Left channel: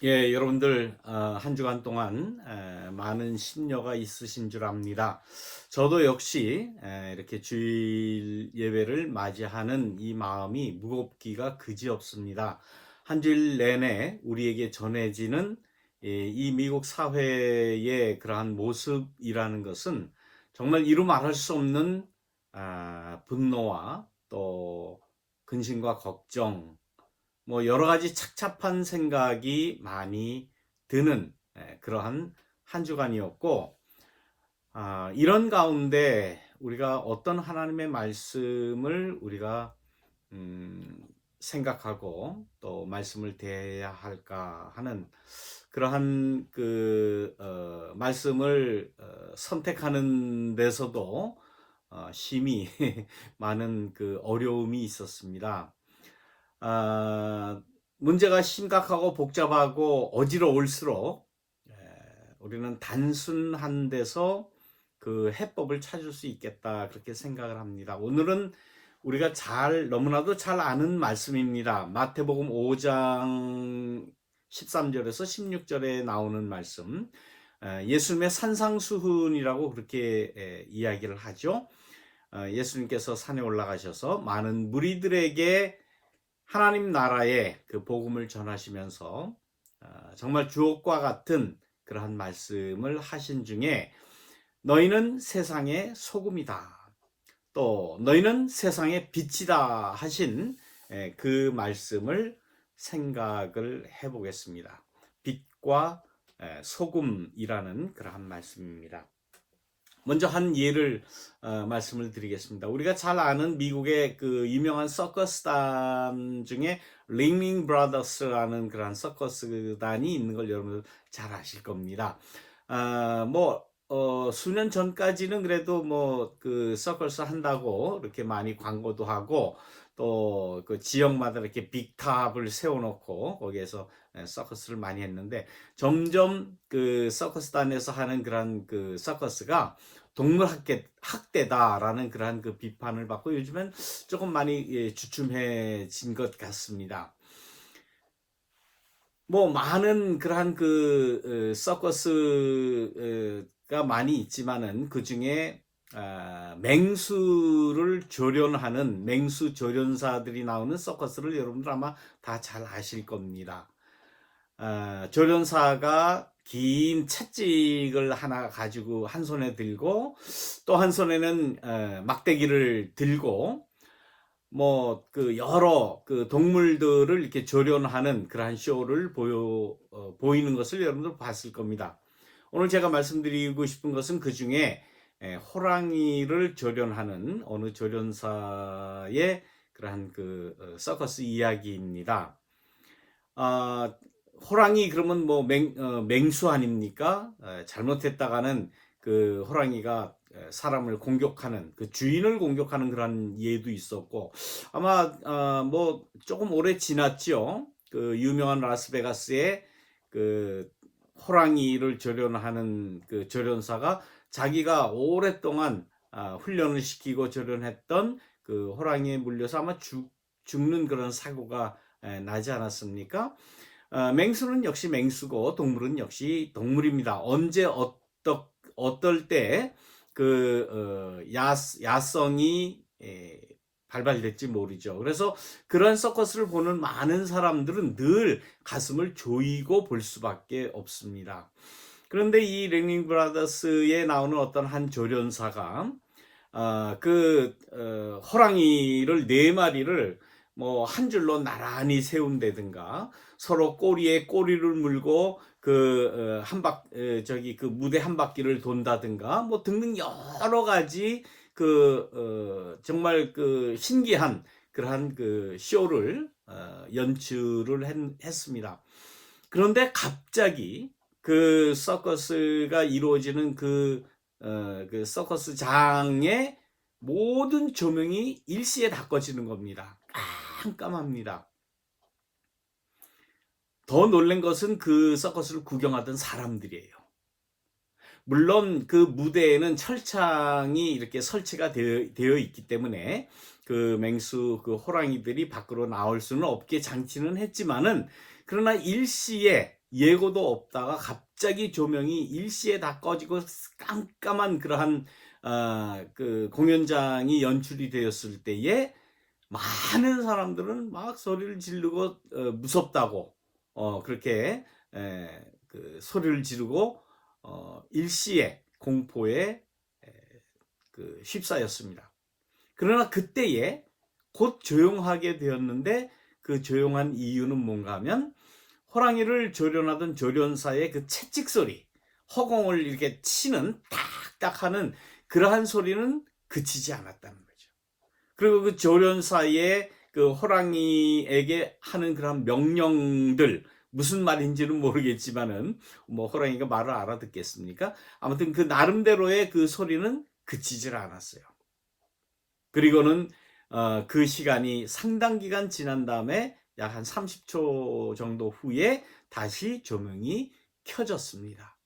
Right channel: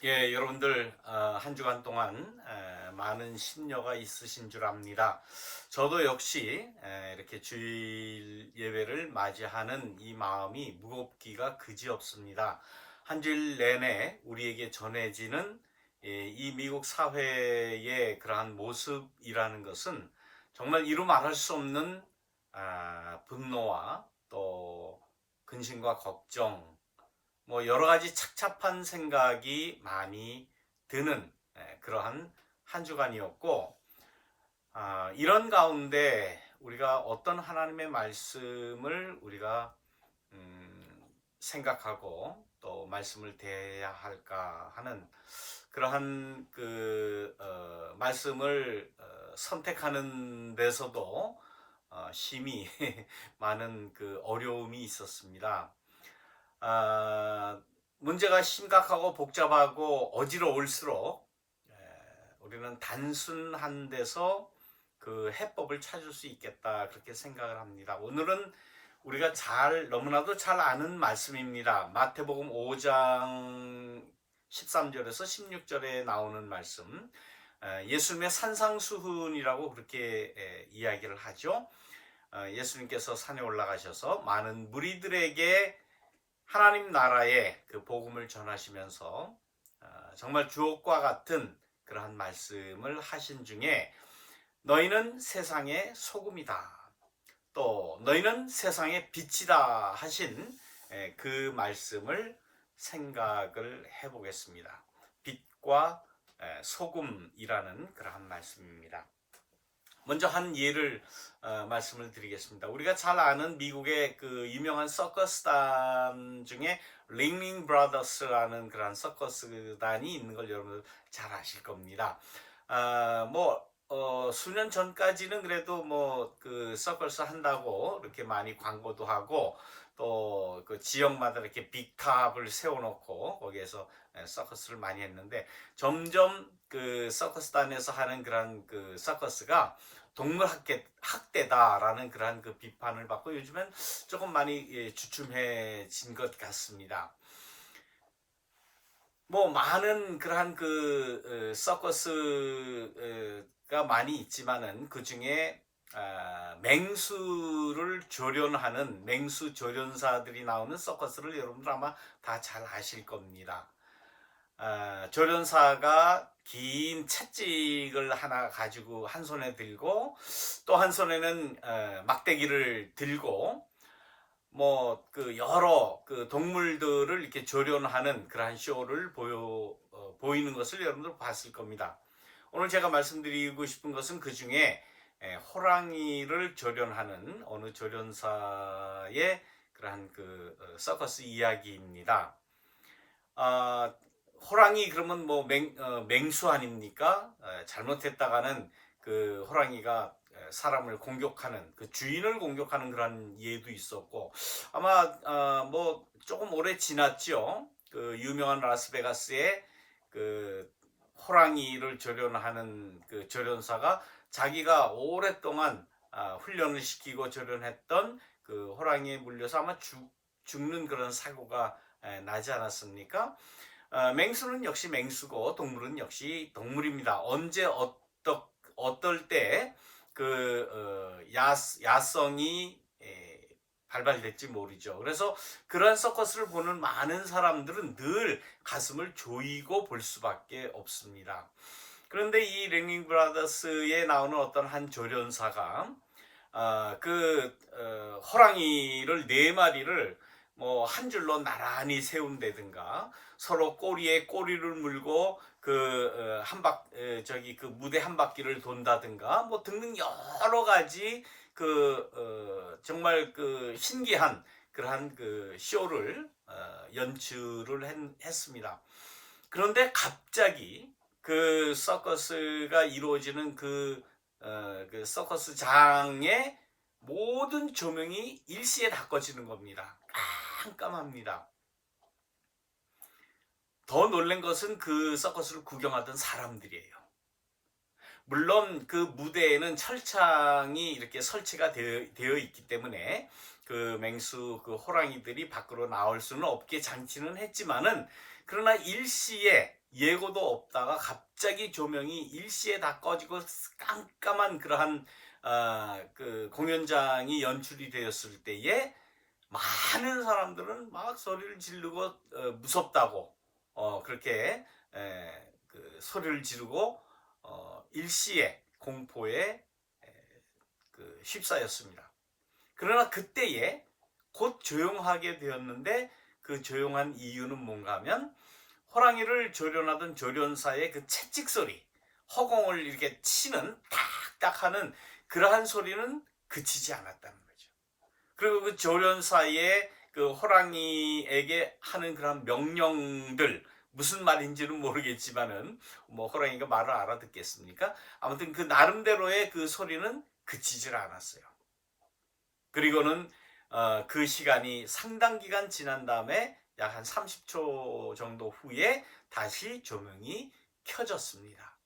여러분들 한 주간 동안 많은 심려가 있으신 줄 압니다. 저도 역시 이렇게 주일 예배를 맞이하는 이 마음이 무겁기가 그지없습니다. 한 주일 내내 우리에게 전해지는 이 미국 사회의 그러한 모습이라는 것은 정말 이루 말할 수 없는 분노와 또 근심과 걱정, 뭐 여러 가지 착잡한 생각이 많이 드는 그러한 한 주간이었고, 이런 가운데 우리가 어떤 하나님의 말씀을 우리가 생각하고 또 말씀을 대해야 할까 하는 그러한 말씀을 선택하는 데서도 심히 많은 그 어려움이 있었습니다. 아, 문제가 심각하고 복잡하고 어지러울수록 우리는 단순한 데서 그 해법을 찾을 수 있겠다 그렇게 생각을 합니다. 오늘은 우리가 너무나도 잘 아는 말씀입니다. 마태복음 5장 13절에서 16절에 나오는 말씀. 예수님의 산상수훈이라고 그렇게 이야기를 하죠. 예수님께서 산에 올라가셔서 많은 무리들에게 하나님 나라의 그 복음을 전하시면서 정말 주옥과 같은 그러한 말씀을 하신 중에, 너희는 세상의 소금이다, 또 너희는 세상의 빛이다 하신 그 말씀을 생각을 해보겠습니다. 빛과 소금이라는 그러한 말씀입니다. 먼저 한 예를 말씀을 드리겠습니다. 우리가 잘 아는 미국의 그 유명한 서커스단 중에 링링 브라더스라는 그런 서커스단이 있는 걸 여러분 잘 아실 겁니다. 수년 전까지는 그래도 뭐 그 서커스 한다고 이렇게 많이 광고도 하고, 또 그 지역마다 이렇게 빅탑을 세워놓고 거기에서 서커스를 많이 했는데, 점점 그 서커스단에서 하는 그런 그 서커스가 학대다라는 그러한 그 비판을 받고 요즘엔 조금 많이 주춤해진 것 같습니다. 뭐 많은 그러한 그 서커스가 많이 있지만은 그 중에 맹수를 조련하는 맹수 조련사들이 나오는 서커스를 여러분들 아마 다 잘 아실 겁니다. 조련사가 긴 채찍을 하나 가지고 한 손에 들고, 또 한 손에는 막대기를 들고, 뭐 그 여러 그 동물들을 이렇게 조련하는 그러한 쇼를 보이는 것을 여러분들 봤을 겁니다. 오늘 제가 말씀드리고 싶은 것은 그 중에 호랑이를 조련하는 어느 조련사의 그러한 그 서커스 이야기입니다. 아, 호랑이 그러면 뭐 맹수 아닙니까? 잘못했다가는 그 호랑이가 사람을 공격하는, 그 주인을 공격하는 그런 예도 있었고, 아마 뭐 조금 오래 지났죠. 그 유명한 라스베가스의 그 호랑이를 조련하는 그 조련사가 자기가 오랫동안 훈련을 시키고 조련했던 그 호랑이에 물려서 아마 죽는 그런 사고가 나지 않았습니까? 맹수는 역시 맹수고 동물은 역시 동물입니다. 언제 어떨 때 그 야성이 발발될지 모르죠. 그래서 그러한 서커스를 보는 많은 사람들은 늘 가슴을 조이고 볼 수밖에 없습니다. 그런데 이 랭링 브라더스에 나오는 어떤 한 조련사가 호랑이를 네 마리를 뭐 한 줄로 나란히 세운다든가, 서로 꼬리에 꼬리를 물고 저기 그 무대 한 바퀴를 돈다든가 뭐 등등 여러 가지 정말 그 신기한 그러한 그 쇼를 연출을 했습니다. 그런데 갑자기 그 서커스가 이루어지는 그 서커스장의 모든 조명이 일시에 다 꺼지는 겁니다. 깜깜합니다. 더 놀란 것은 그 서커스를 구경하던 사람들이에요. 물론 그 무대에는 철창이 이렇게 설치가 되어 있기 때문에 그 호랑이들이 밖으로 나올 수는 없게 장치는 했지만은, 그러나 일시에 예고도 없다가 갑자기 조명이 일시에 다 꺼지고 깜깜한 그러한 그 공연장이 연출이 되었을 때에 많은 사람들은 막 소리를 지르고 무섭다고 그렇게 그 소리를 지르고 일시에 공포에 그 휩싸였습니다. 그러나 그때에 곧 조용하게 되었는데 그 조용한 이유는 뭔가 하면 호랑이를 조련하던 조련사의 그 채찍 소리, 허공을 이렇게 치는 딱딱 하는 그러한 소리는 그치지 않았다는 거죠. 그리고 그 조련사의 그 호랑이에게 하는 그런 명령들, 무슨 말인지는 모르겠지만은 뭐 호랑이가 말을 알아듣겠습니까? 아무튼 그 나름대로의 그 소리는 그치질 않았어요. 그리고는 그 시간이 상당 기간 지난 다음에 약 한 30초 정도 후에 다시 조명이 켜졌습니다.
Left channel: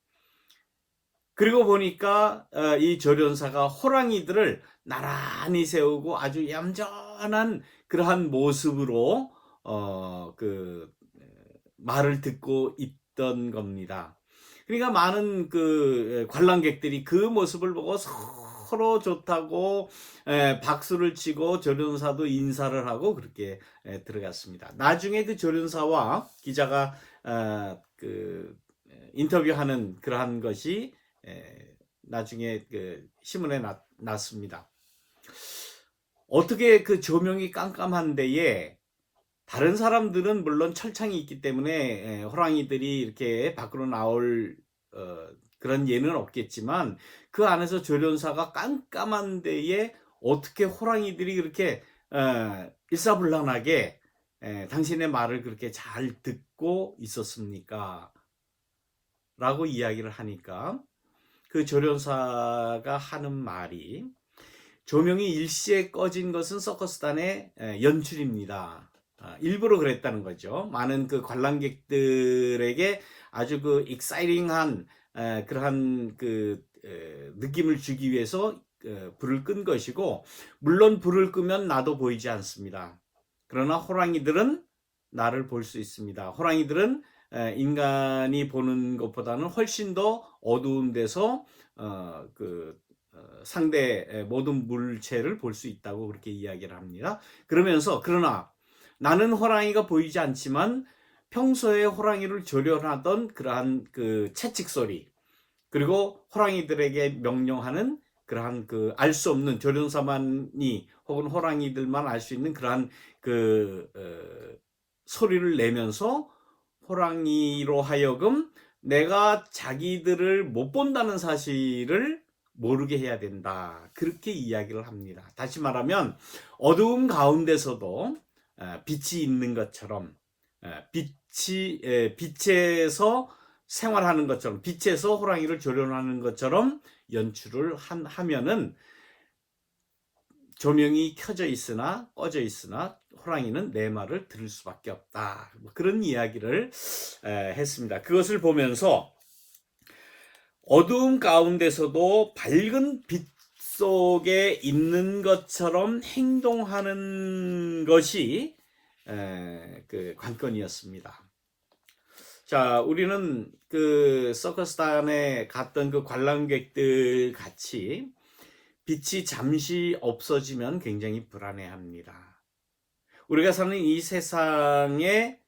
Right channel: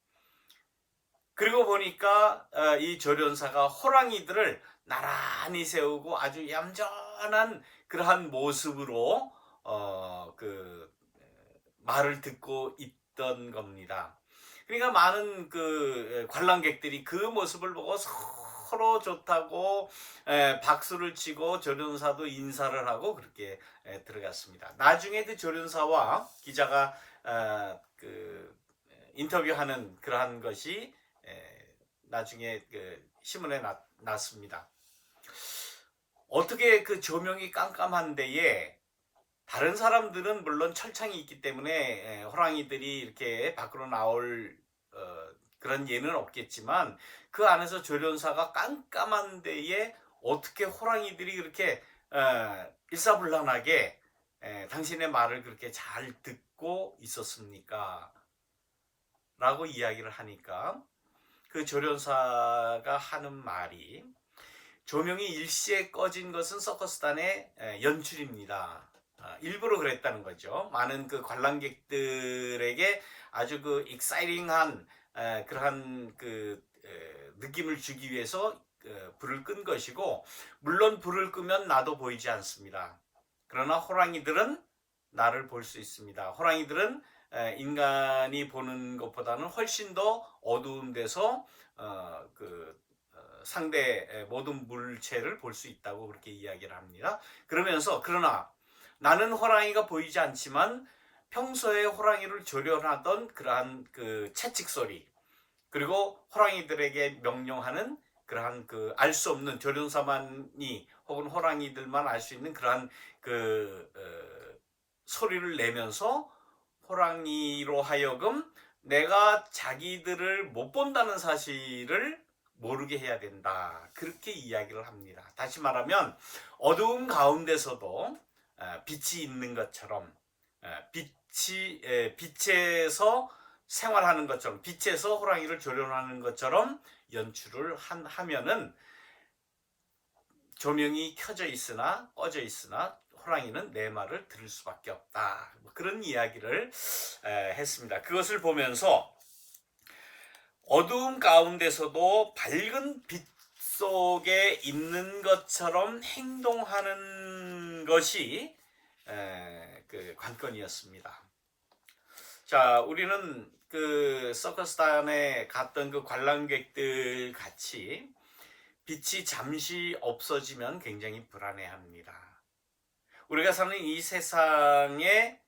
그리고 보니까 이 조련사가 호랑이들을 나란히 세우고 아주 얌전한 그러한 모습으로 그 말을 듣고 있던 겁니다. 그러니까 많은 그 관람객들이 그 모습을 보고 서로 좋다고 박수를 치고 조련사도 인사를 하고 그렇게 들어갔습니다. 나중에 그 조련사와 기자가 그 인터뷰하는 그러한 것이 나중에 그 신문에 났습니다. 어떻게 그 조명이 깜깜한 데에 다른 사람들은 물론 철창이 있기 때문에 호랑이들이 이렇게 밖으로 나올 그런 예는 없겠지만 그 안에서 조련사가 깜깜한 데에 어떻게 호랑이들이 그렇게 일사불란하게 당신의 말을 그렇게 잘 듣고 있었습니까? 라고 이야기를 하니까 그 조련사가 하는 말이 조명이 일시에 꺼진 것은 서커스단의 연출입니다. 일부러 그랬다는 거죠. 많은 그 관람객들에게 아주 그 익사이팅한 그러한 그 느낌을 주기 위해서 불을 끈 것이고, 물론 불을 끄면 나도 보이지 않습니다. 그러나 호랑이들은 나를 볼 수 있습니다. 호랑이들은 인간이 보는 것보다는 훨씬 더 어두운 데서 그 상대 모든 물체를 볼 수 있다고 그렇게 이야기를 합니다. 그러면서 그러나 나는 호랑이가 보이지 않지만 평소에 호랑이를 조련하던 그러한 그 채찍 소리, 그리고 호랑이들에게 명령하는 그러한 그 알 수 없는 조련사만이 혹은 호랑이들만 알 수 있는 그러한 그 소리를 내면서 호랑이로 하여금 내가 자기들을 못 본다는 사실을 모르게 해야 된다. 그렇게 이야기를 합니다. 다시 말하면 어두움 가운데서도 빛이 있는 것처럼 빛에서 생활하는 것처럼, 빛에서 호랑이를 조련하는 것처럼 연출을 하면은 조명이 켜져 있으나 꺼져 있으나 호랑이는 내 말을 들을 수밖에 없다. 그런 이야기를 했습니다. 그것을 보면서 어두움 가운데서도 밝은 빛 속에 있는 것처럼 행동하는 것이 그 관건이었습니다. 자, 우리는 그 서커스단에 갔던 그 관람객들 같이 빛이 잠시 없어지면 굉장히 불안해합니다. 우리가 사는 이 세상에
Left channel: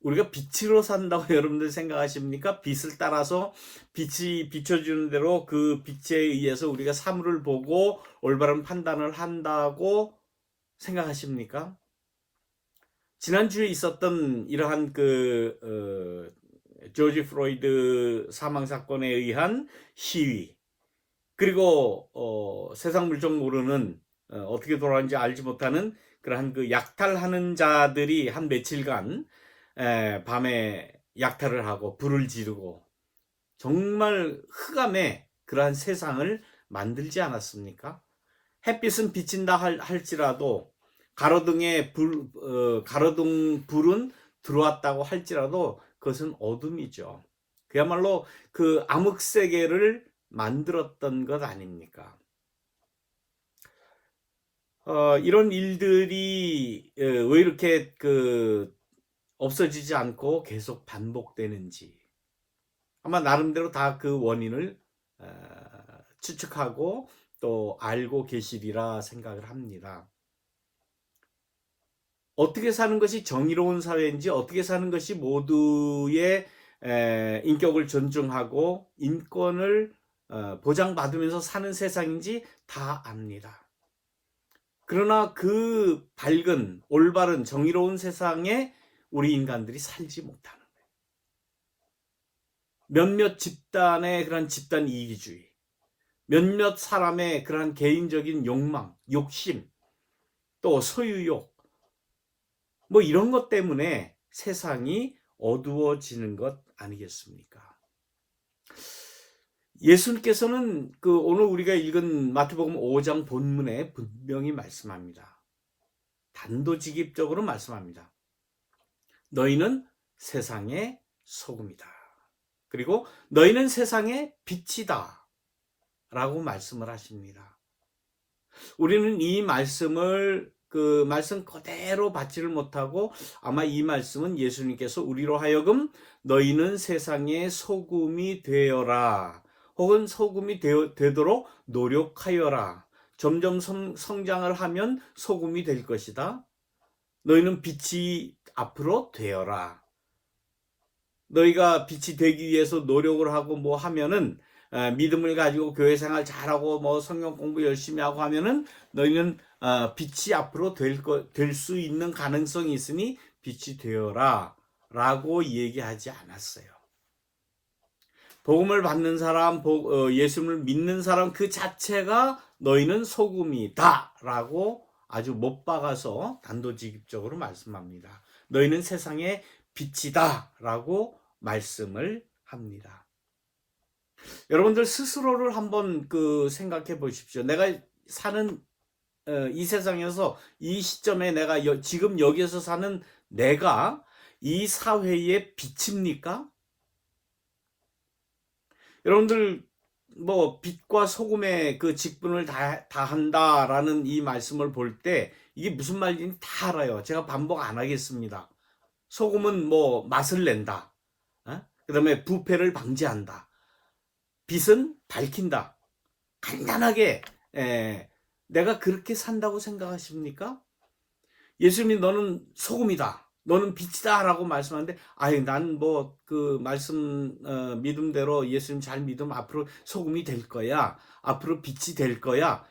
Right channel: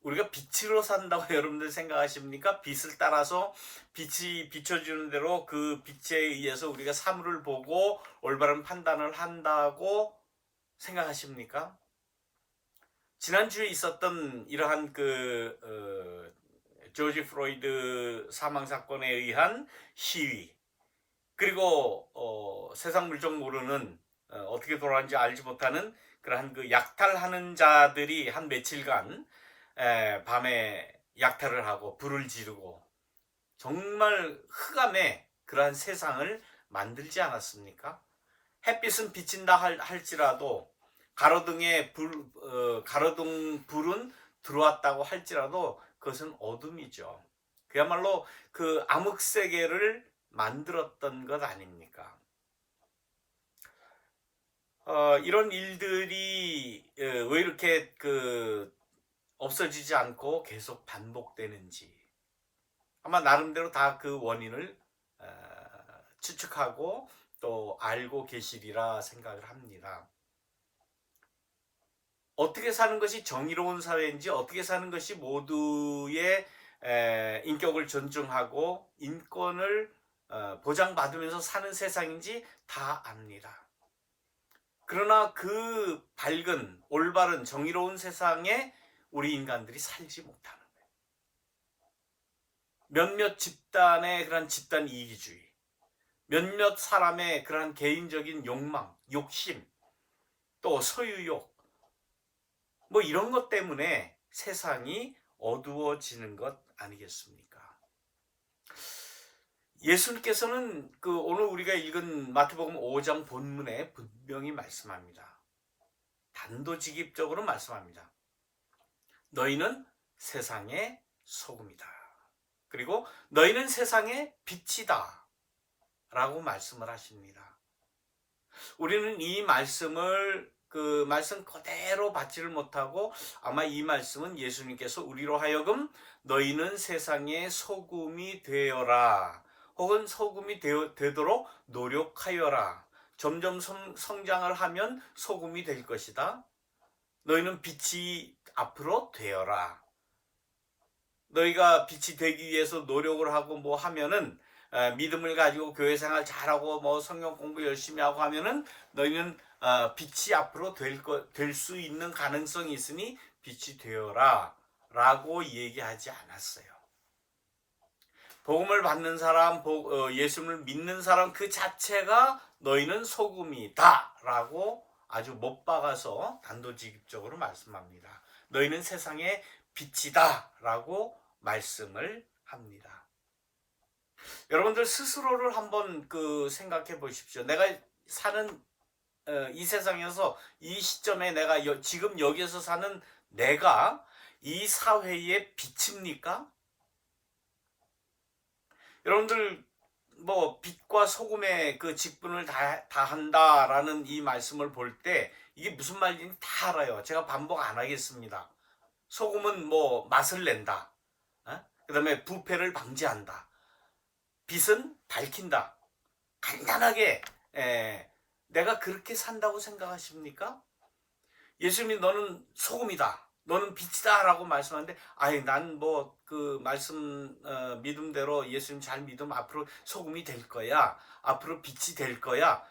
우리가 빛으로 산다고 여러분들 생각하십니까? 빛을 따라서 빛이 비춰주는 대로 그 빛에 의해서 우리가 사물을 보고 올바른 판단을 한다고 생각하십니까? 지난주에 있었던 이러한 그 조지 프로이드 사망 사건에 의한 시위, 그리고 세상 물정 모르는 어떻게 돌아가는지 알지 못하는 그러한 그 약탈하는 자들이 한 며칠간 밤에 약탈을 하고 불을 지르고 정말 흑암의 그러한 세상을 만들지 않았습니까? 햇빛은 비친다 할지라도 가로등 불은 들어왔다고 할지라도 그것은 어둠이죠. 그야말로 그 암흑 세계를 만들었던 것 아닙니까? 이런 일들이 왜 이렇게 그 없어지지 않고 계속 반복되는지 아마 나름대로 다 그 원인을 추측하고 또 알고 계시리라 생각을 합니다. 어떻게 사는 것이 정의로운 사회인지, 어떻게 사는 것이 모두의 인격을 존중하고 인권을 보장받으면서 사는 세상인지 다 압니다. 그러나 그 밝은, 올바른, 정의로운 세상에 우리 인간들이 살지 못하는 거예요. 몇몇 집단의 그런 집단 이기주의, 몇몇 사람의 그런 개인적인 욕망, 욕심, 또 소유욕, 뭐 이런 것 때문에 세상이 어두워지는 것 아니겠습니까? 예수님께서는 그 오늘 우리가 읽은 마태복음 5장 본문에 분명히 말씀합니다. 단도직입적으로 말씀합니다. 너희는 세상의 소금이다. 그리고 너희는 세상의 빛이다. 라고 말씀을 하십니다. 우리는 이 말씀을 그 말씀 그대로 받지를 못하고 아마 이 말씀은 예수님께서 우리로 하여금 너희는 세상의 소금이 되어라 혹은 소금이 되도록 노력하여라. 점점 성장을 하면 소금이 될 것이다. 너희는 빛이 앞으로 되어라. 너희가 빛이 되기 위해서 노력을 하고 뭐 하면은 믿음을 가지고 교회 생활 잘하고 뭐 성경 공부 열심히 하고 하면은 너희는 빛이 앞으로 될 수 있는 가능성이 있으니 빛이 되어라 라고 얘기하지 않았어요. 복음을 받는 사람, 예수님을 믿는 사람 그 자체가 너희는 소금이다 라고 아주 못 박아서 단도직입적으로 말씀합니다. 너희는 세상의 빛이다 라고 말씀을 합니다. 여러분들 스스로를 한번 그 생각해 보십시오. 내가 사는 이 세상에서 이 시점에 내가 지금 여기에서 사는 내가 이 사회의 빛입니까? 여러분들 뭐 빛과 소금의 그 직분을 다 한다라는 이 말씀을 볼 때 이게 무슨 말인지 다 알아요. 제가 반복 안 하겠습니다. 소금은 뭐 맛을 낸다. 그 다음에 부패를 방지한다. 빛은 밝힌다. 간단하게 내가 그렇게 산다고 생각하십니까? 예수님이 너는 소금이다. 너는 빛이다 라고 말씀하는데 아이 난 뭐 그 말씀 믿음대로 예수님 잘 믿으면 앞으로 소금이 될 거야. 앞으로 빛이 될 거야.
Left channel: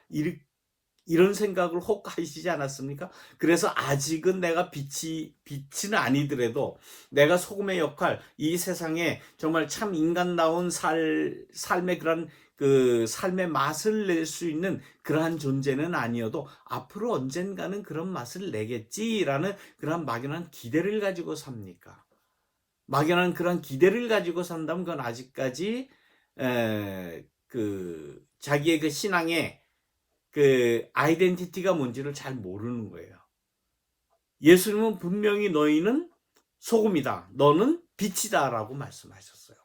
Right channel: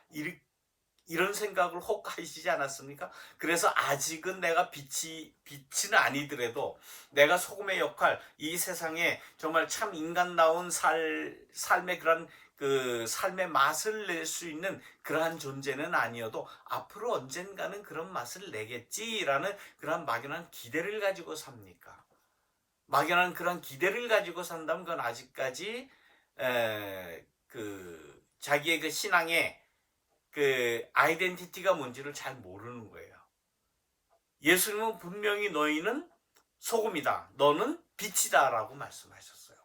이런 생각을 혹 하시지 않았습니까? 그래서 아직은 내가 빛은 아니더라도 내가 소금의 역할, 이 세상에 정말 참 인간다운 삶의 그런 그 삶의 맛을 낼 수 있는 그러한 존재는 아니어도 앞으로 언젠가는 그런 맛을 내겠지라는 그런 막연한 기대를 가지고 삽니까? 막연한 그런 기대를 가지고 산다면 그건 아직까지 그 자기의 그 신앙의 그 아이덴티티가 뭔지를 잘 모르는 거예요. 예수님은 분명히 너희는 소금이다. 너는 빛이다라고 말씀하셨어요.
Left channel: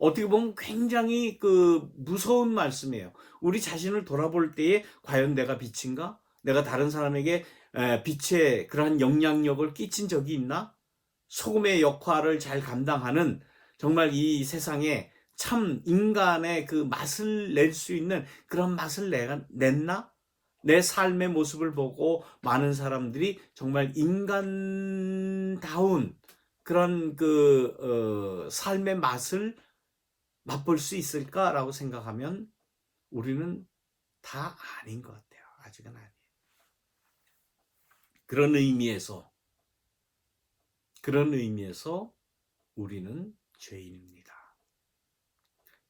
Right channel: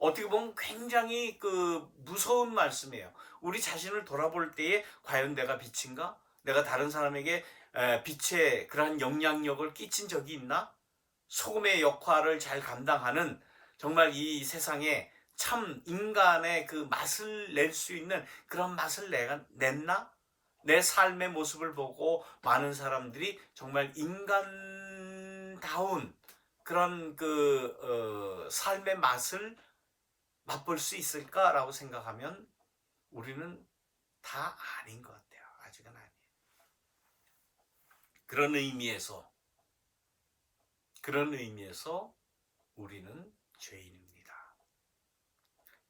어떻게 보면 굉장히 그 무서운 말씀이에요. 우리 자신을 돌아볼 때에 과연 내가 빛인가? 내가 다른 사람에게 빛의 그러한 영향력을 끼친 적이 있나? 소금의 역할을 잘 감당하는 정말 이 세상에 참 인간의 그 맛을 낼 수 있는 그런 맛을 내가 냈나? 내 삶의 모습을 보고 많은 사람들이 정말 인간다운 그런 그 삶의 맛을 맛볼 수 있을까라고 생각하면 우리는 다 아닌 것 같아요. 아직은 아니에요. 그런 의미에서 우리는 죄인입니다.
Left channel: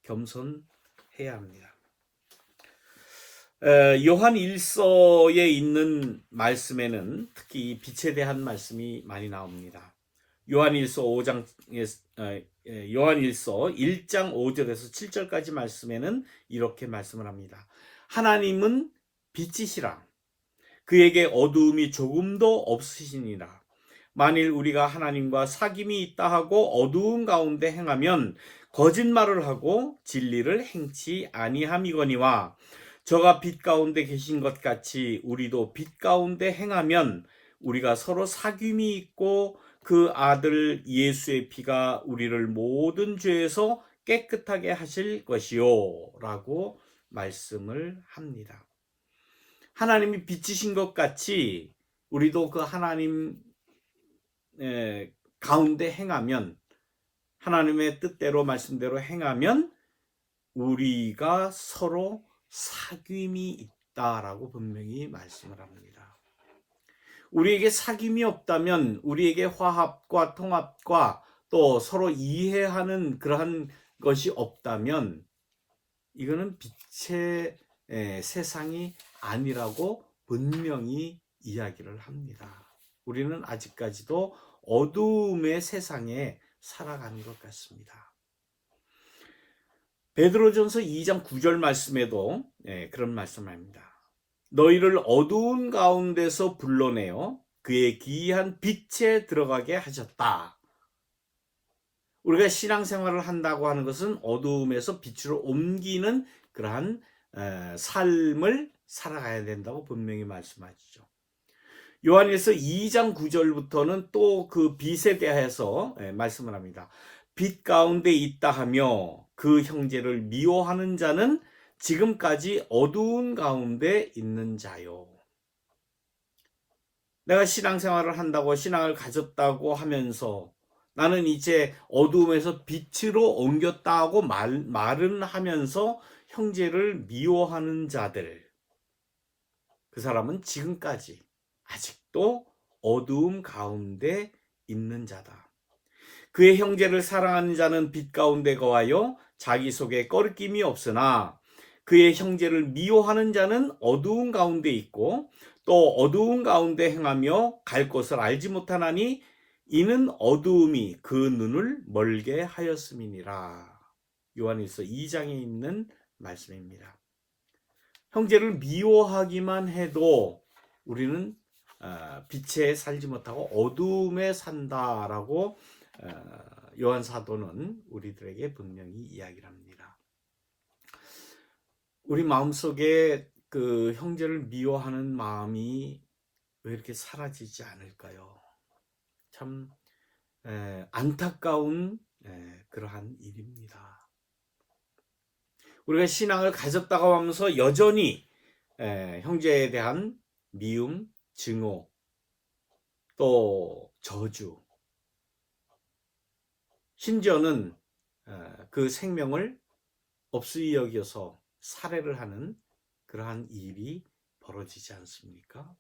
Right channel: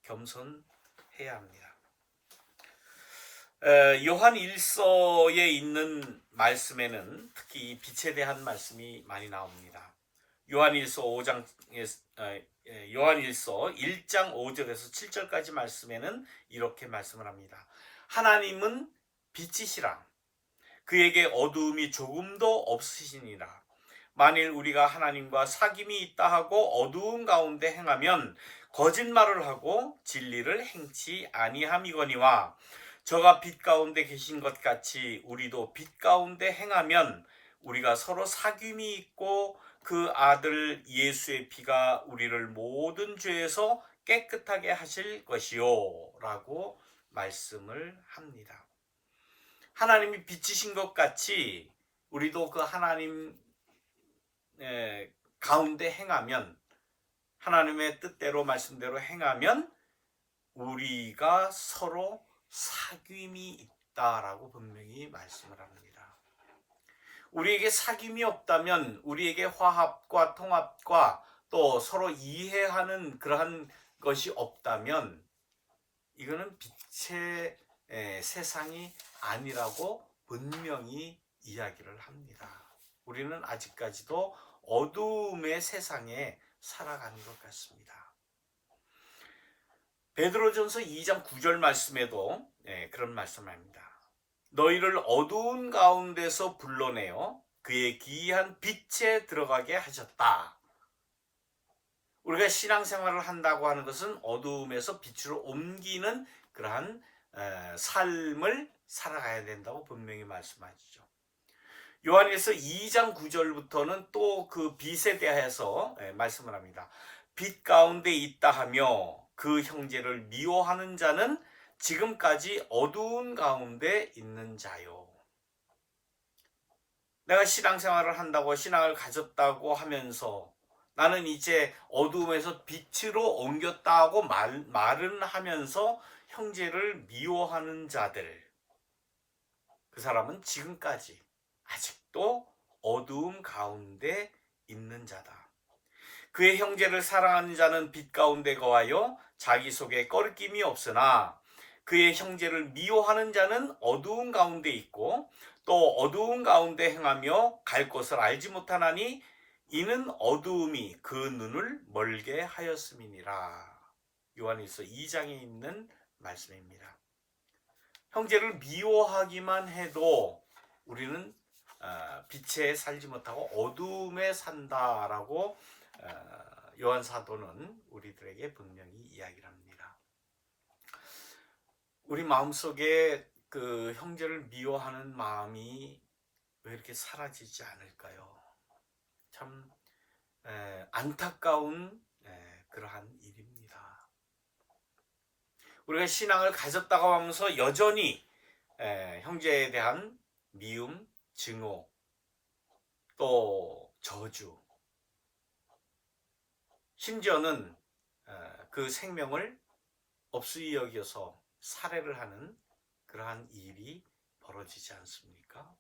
겸손해야 합니다. 요한 1서에 있는 말씀에는 특히 빛에 대한 말씀이 많이 나옵니다. 요한 1서 1장 5절에서 7절까지 말씀에는 이렇게 말씀을 합니다. 하나님은 빛이시라. 그에게 어두움이 조금도 없으시니라. 만일 우리가 하나님과 사귐이 있다 하고 어두운 가운데 행하면 거짓말을 하고 진리를 행치 아니함이거니와 저가 빛 가운데 계신 것 같이 우리도 빛 가운데 행하면 우리가 서로 사귐이 있고 그 아들 예수의 피가 우리를 모든 죄에서 깨끗하게 하실 것이요 라고 말씀을 합니다. 하나님이 빛이신 것 같이 우리도 그 하나님 가운데 행하면, 하나님의 뜻대로 말씀대로 행하면 우리가 서로 사귐이 있다라고 분명히 말씀을 합니다. 우리에게 사귐이 없다면, 우리에게 화합과 통합과 또 서로 이해하는 그러한 것이 없다면 이거는 빛의 세상이 아니라고 분명히 이야기를 합니다. 우리는 아직까지도 어두움의 세상에 살아가는 것 같습니다. 베드로전서 2장 9절 말씀에도 그런 말씀을 합니다. 너희를 어두운 가운데서 불러내어 그의 기이한 빛에 들어가게 하셨다. 우리가 신앙생활을 한다고 하는 것은 어두움에서 빛으로 옮기는 그러한 삶을 살아가야 된다고 분명히 말씀하시죠. 요한일서 2장 9절부터는 또 그 빛에 대해서 말씀을 합니다. 빛 가운데 있다 하며 그 형제를 미워하는 자는 지금까지 어두운 가운데 있는 자요. 내가 신앙생활을 한다고, 신앙을 가졌다고 하면서 나는 이제 어두움에서 빛으로 옮겼다고 말은 하면서 형제를 미워하는 자들, 그 사람은 지금까지 아직도 어두움 가운데 있는 자다. 그의 형제를 사랑하는 자는 빛 가운데 거하여 자기 속에 꺼리낌이 없으나 그의 형제를 미워하는 자는 어두운 가운데 있고 또 어두운 가운데 행하며 갈 곳을 알지 못하나니 이는 어두움이 그 눈을 멀게 하였음이니라. 요한일서 2장에 있는 말씀입니다. 형제를 미워하기만 해도 우리는 빛에 살지 못하고 어두움에 산다라고 요한 사도는 우리들에게 분명히 이야기를 합니다. 우리 마음속에 그 형제를 미워하는 마음이 왜 이렇게 사라지지 않을까요? 참 안타까운 그러한 일입니다. 우리가 신앙을 가졌다고 하면서 여전히 형제에 대한 미움, 증오, 또 저주, 심지어는 그 생명을 없이 여겨서 살해를 하는 그러한 일이 벌어지지 않습니까?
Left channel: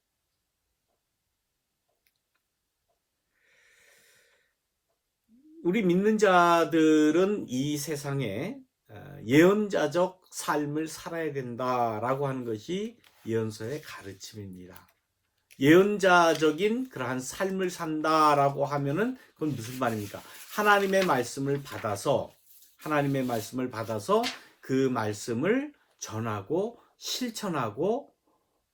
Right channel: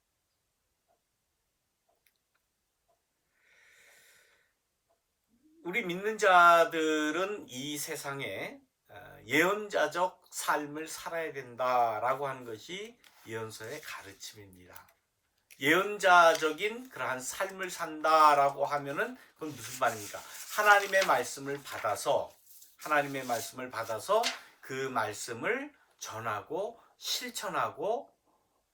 우리 믿는 자들은 이 세상에 예언자적 삶을 살아야 된다라고 하는 것이 예언서의 가르침입니다. 예언자적인 그러한 삶을 산다라고 하면은 그건 무슨 말입니까? 하나님의 말씀을 받아서 그 말씀을 전하고 실천하고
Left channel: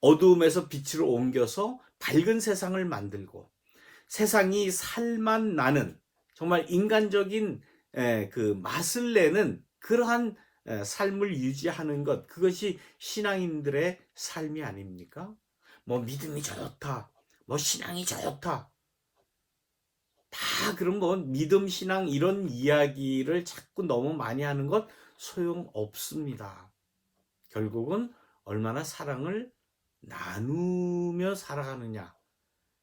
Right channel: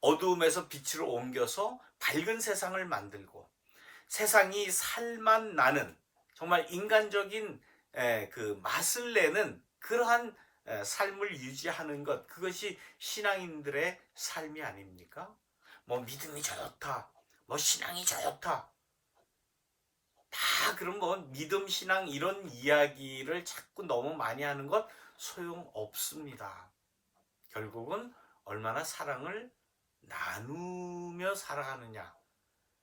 어두움에서 빛으로 옮겨서 밝은 세상을 만들고 세상이 살맛 나는 정말 인간적인 그 맛을 내는 그러한 삶을 유지하는 것, 그것이 신앙인들의 삶이 아닙니까? 뭐 믿음이 좋다, 뭐 신앙이 좋다, 다 그런 뭐 믿음, 신앙 이런 이야기를 자꾸 너무 많이 하는 것 소용없습니다. 결국은 얼마나 사랑을 나누며 살아가느냐,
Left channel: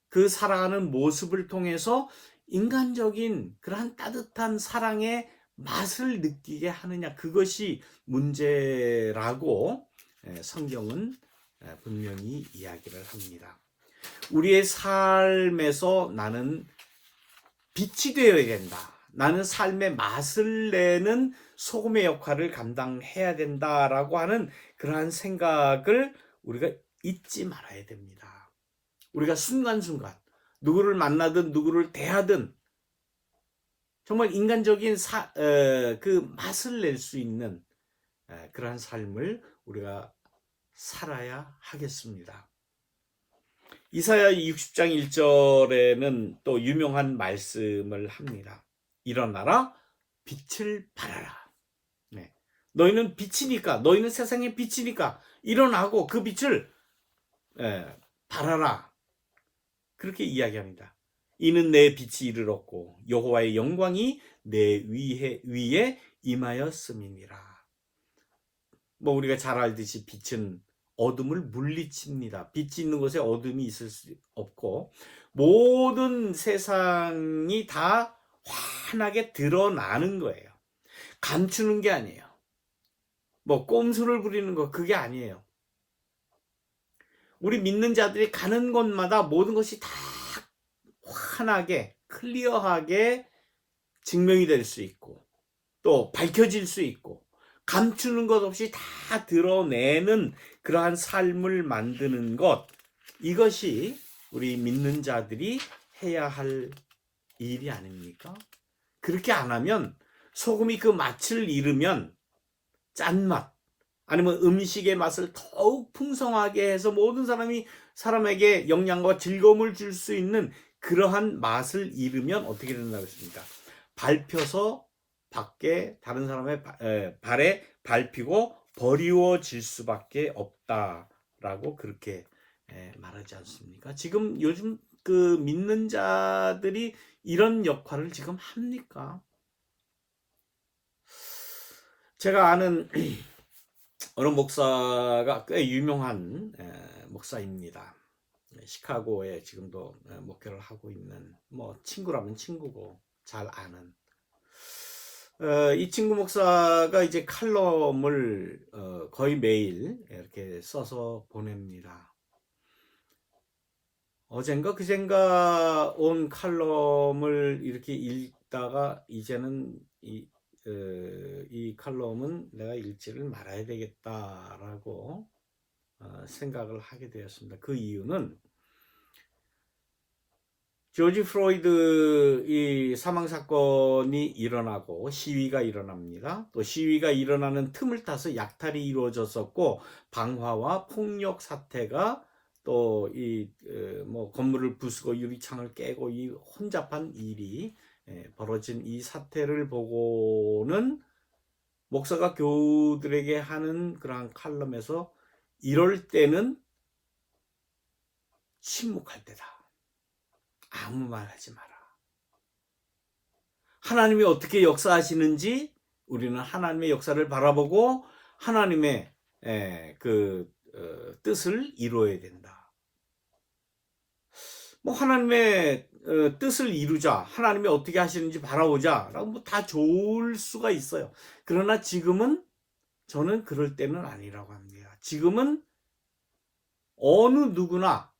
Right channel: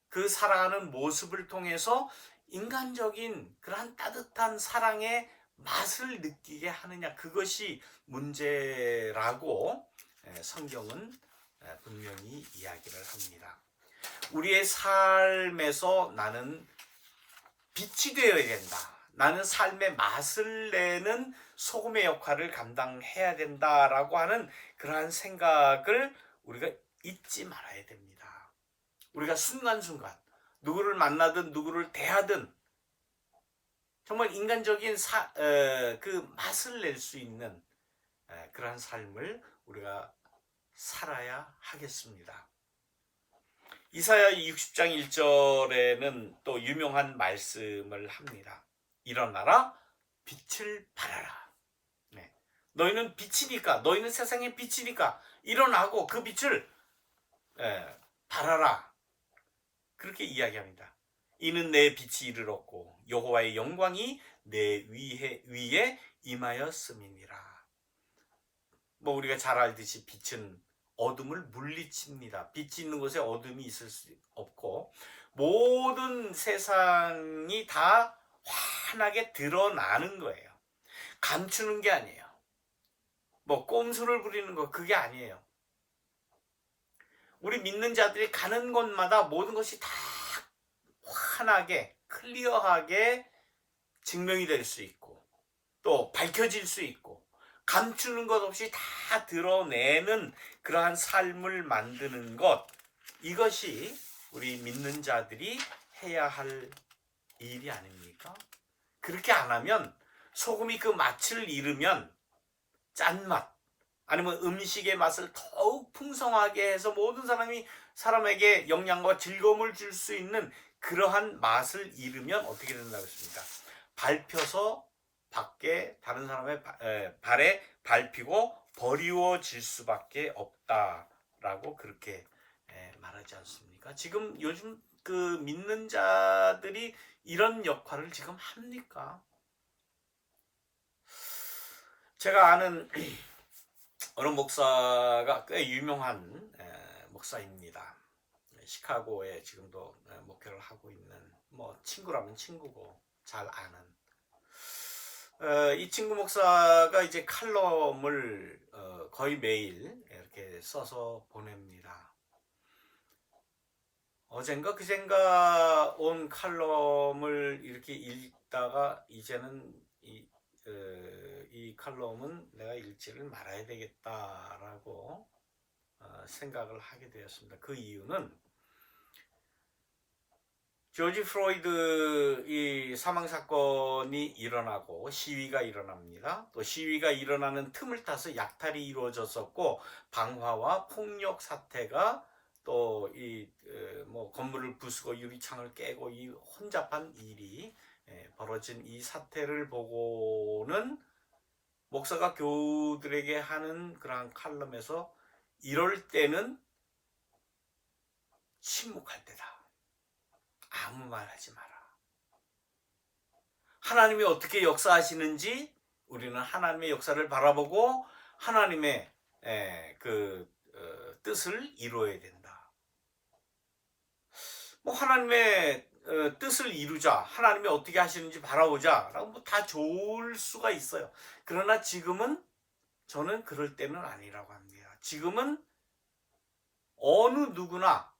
그 살아가는 모습을 통해서 인간적인 그러한 따뜻한 사랑의 맛을 느끼게 하느냐, 그것이 문제라고 성경은 분명히 이야기를 합니다. 우리의 삶에서 나는 빛이 되어야 된다, 나는 삶의 맛을 내는 소금의 역할을 감당해야 된다라고 하는 그러한 생각을 우리가 잊지 말아야 됩니다. 우리가 순간순간 누구를 만나든 누구를 대하든 정말 인간적인 그 맛을 낼 수 있는 그러한 삶을 우리가 살아야 하겠습니다. 이사야 60장 1절에는 또 유명한 말씀을 합니다. 일어나라, 빛을 발하라. 네. 너희는 빛이니까, 너희는 세상의 빛이니까 일어나고 그 빛을 발하라. 그렇게 이야기합니다. 이는 내 빛이 이르렀고 여호와의 영광이 내 위에 임하였음이니라. 뭐 우리가 잘 알듯이 빛은 어둠을 물리칩니다. 빛이 있는 곳에 어둠이 있을 수 없고 모든 세상이 다 환하게 드러나는 거예요. 감추는 게 아니에요. 뭐 꼼수를 부리는 거 그게 아니에요. 우리 믿는 자들이 가는 곳마다 모든 것이 다 환하게 클리어하게 증명이 될 수 있고 또 밝혀질 수 있고 감추는 것 없이 다 드러내는 그러한 삶을 만드는 것, 이것이 우리 믿는 자들이 해야 할 일이 아닙니까? 그렇게 안 하면 소금이 그 맛을 잃으면 짠맛 아니면 음식의 맛을 더욱 풍성하게 해서 모든 사람에게 영양과 즐거움을 줄 수 있는 그러한 맛을 잃으면 어떻게 된다고 했습니까? 밟혀서 밖에 다른 사람의 발에 밟히고 버리워질 수밖에 없다라고 그렇게 말하지 않습니까? 지금 요즘 그 믿는 자들이 이런 역할을 지금 합니까? 제가 아는 어느 목사가 꽤 유명한 목사입니다. 시카고에 지금도 목회를 하고 있는 뭐 친구라면 친구고 잘 아는 이 친구 목사가 이제 칼럼을 거의 매일 이렇게 써서 보냅니다. 어젠가 그젠가 온 칼럼을 이렇게 읽다가 이제는 이 칼럼은 내가 읽지를 말아야 되겠다라고 생각을 하게 되었습니다. 그 이유는 조지 플로이드 이 사망 사건이 일어나고 시위가 일어납니다. 또 시위가 일어나는 틈을 타서 약탈이 이루어졌었고 방화와 폭력 사태가 또 이 뭐 건물을 부수고 유리창을 깨고 이 혼잡한 일이 벌어진 이 사태를 보고는 목사가 교우들에게 하는 그러한 칼럼에서 이럴 때는 침묵할 때다. 아무 말 하지 마라. 하나님이 어떻게 역사하시는지 우리는 하나님의 역사를 바라보고 하나님의 뜻을 이루어야 된다. 뭐 하나님의 뜻을 이루자, 하나님이 어떻게 하시는지 바라보자라고 뭐 다 좋을 수가 있어요. 그러나 지금은 저는 그럴 때는 아니라고 합니다. 지금은 어느 누구나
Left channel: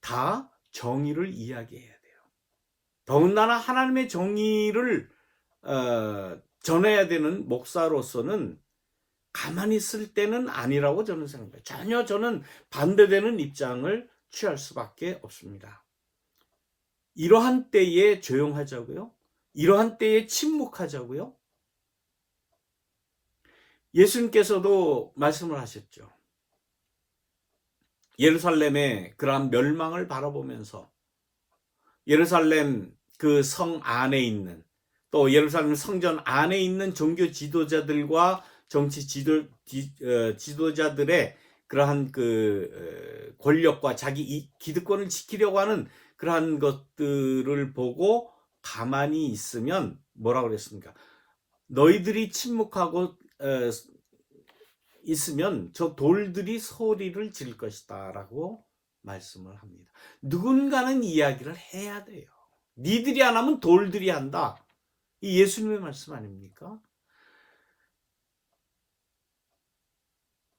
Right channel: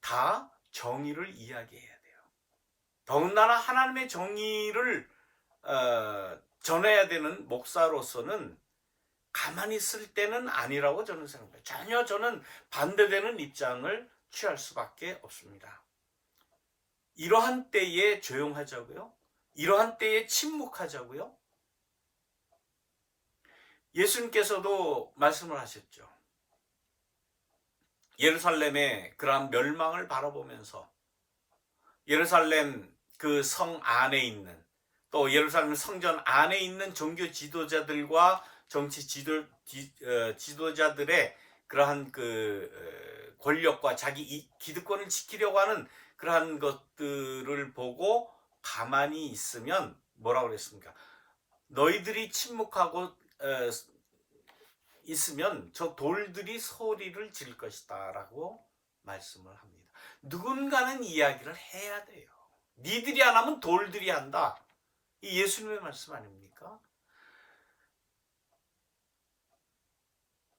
다 정의를 이야기해야 돼요. 더군다나 하나님의 정의를 전해야 되는 목사로서는 가만히 있을 때는 아니라고 저는 생각합니다. 전혀 저는 반대되는 입장을 취할 수밖에 없습니다. 이러한 때에 조용하자고요. 이러한 때에 침묵하자고요. 예수님께서도 말씀을 하셨죠. 예루살렘의 그러한 멸망을 바라보면서 예루살렘 그 성 안에 있는 또 예루살렘 성전 안에 있는 종교 지도자들과 정치 지도자들의 그러한 그 권력과 자기 기득권을 지키려고 하는 그러한 것들을 보고 가만히 있으면 뭐라고 그랬습니까? 너희들이 침묵하고 있으면 저 돌들이 소리를 지를 것이다 라고 말씀을 합니다. 누군가는 이야기를 해야 돼요. 니들이 안 하면 돌들이 한다. 이 예수님의 말씀 아닙니까?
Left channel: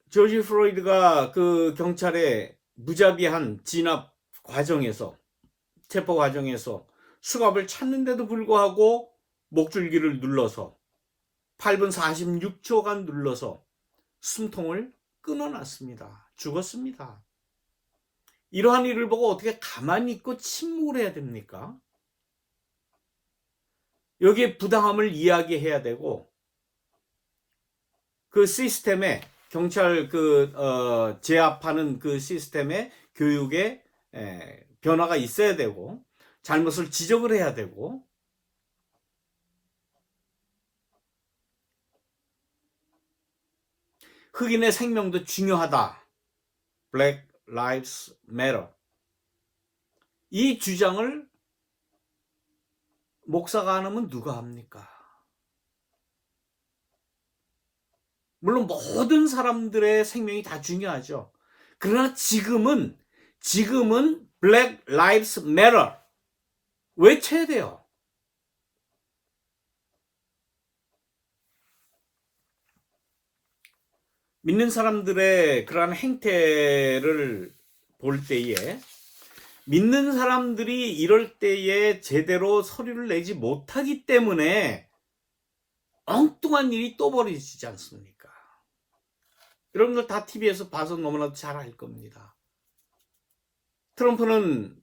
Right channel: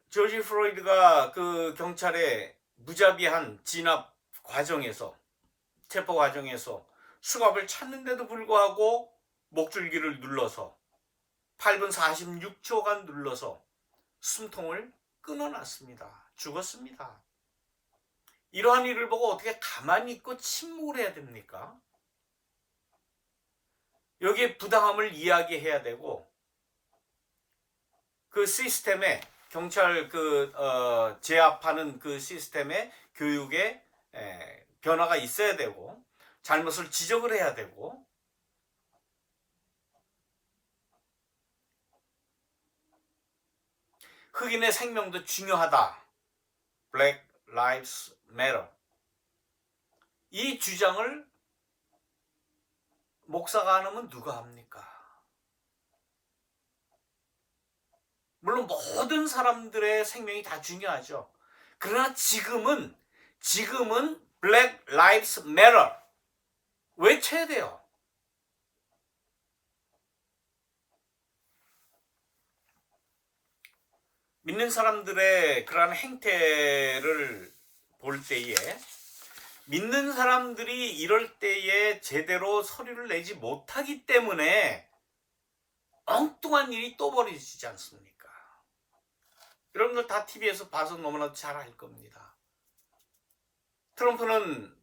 조지 플로이드가 그 경찰의 무자비한 진압 과정에서 체포 과정에서 수갑을 찾는데도 불구하고 목줄기를 눌러서 8분 46초간 눌러서 숨통을 끊어놨습니다. 죽었습니다. 이러한 일을 보고 어떻게 가만히 있고 침묵을 해야 됩니까? 여기에 부당함을 이야기해야 되고 그 시스템에 경찰 제압하는 그 시스템의 교육에 변화가 있어야 되고 잘못을 지적을 해야 되고 흑인의 생명도 중요하다. Black Lives Matter. 이 주장을 목사가 안 하면 누가 합니까? 물론 모든 사람들의 생명이 다 중요하죠. 그러나 지금은 Black Lives Matter 외쳐야 돼요. 믿는 사람들의 그러한 행태를 볼 때에, 믿는 사람들이 이럴 때에 제대로 소리를 내지 못하기 때문에 엉뚱한 일이 또 벌어지지 않습니까? 여러분들 다 TV에서 봐서 너무나도 잘 알 겁니다. 트럼프는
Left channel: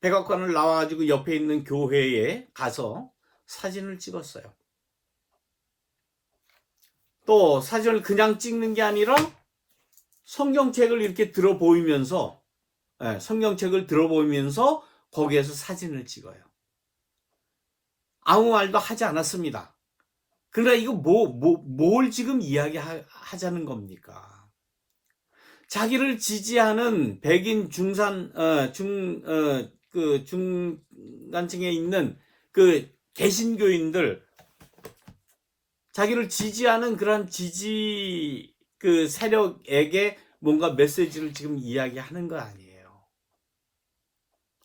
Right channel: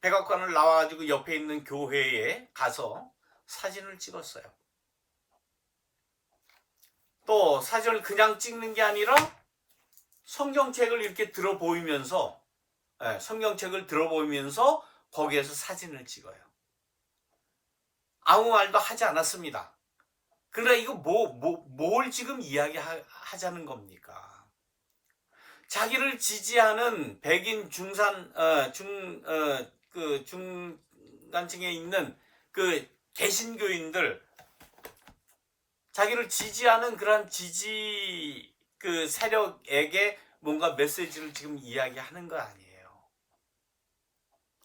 백악관을 나와가지고 옆에 있는 교회에 가서 사진을 찍었어요. 또 사진을 그냥 찍는 게 아니라 성경책을 이렇게 들어 보이면서, 성경책을 들어 보이면서 거기에서 사진을 찍어요. 아무 말도 하지 않았습니다. 그러니까 이거 뭘 지금 이야기하자는 겁니까? 자기를 지지하는 백인 중간층에 있는 그 개신교인들, 자기를 지지하는 그런 지지 그 세력에게 뭔가 메시지를 지금 이야기하는 거 아니에요.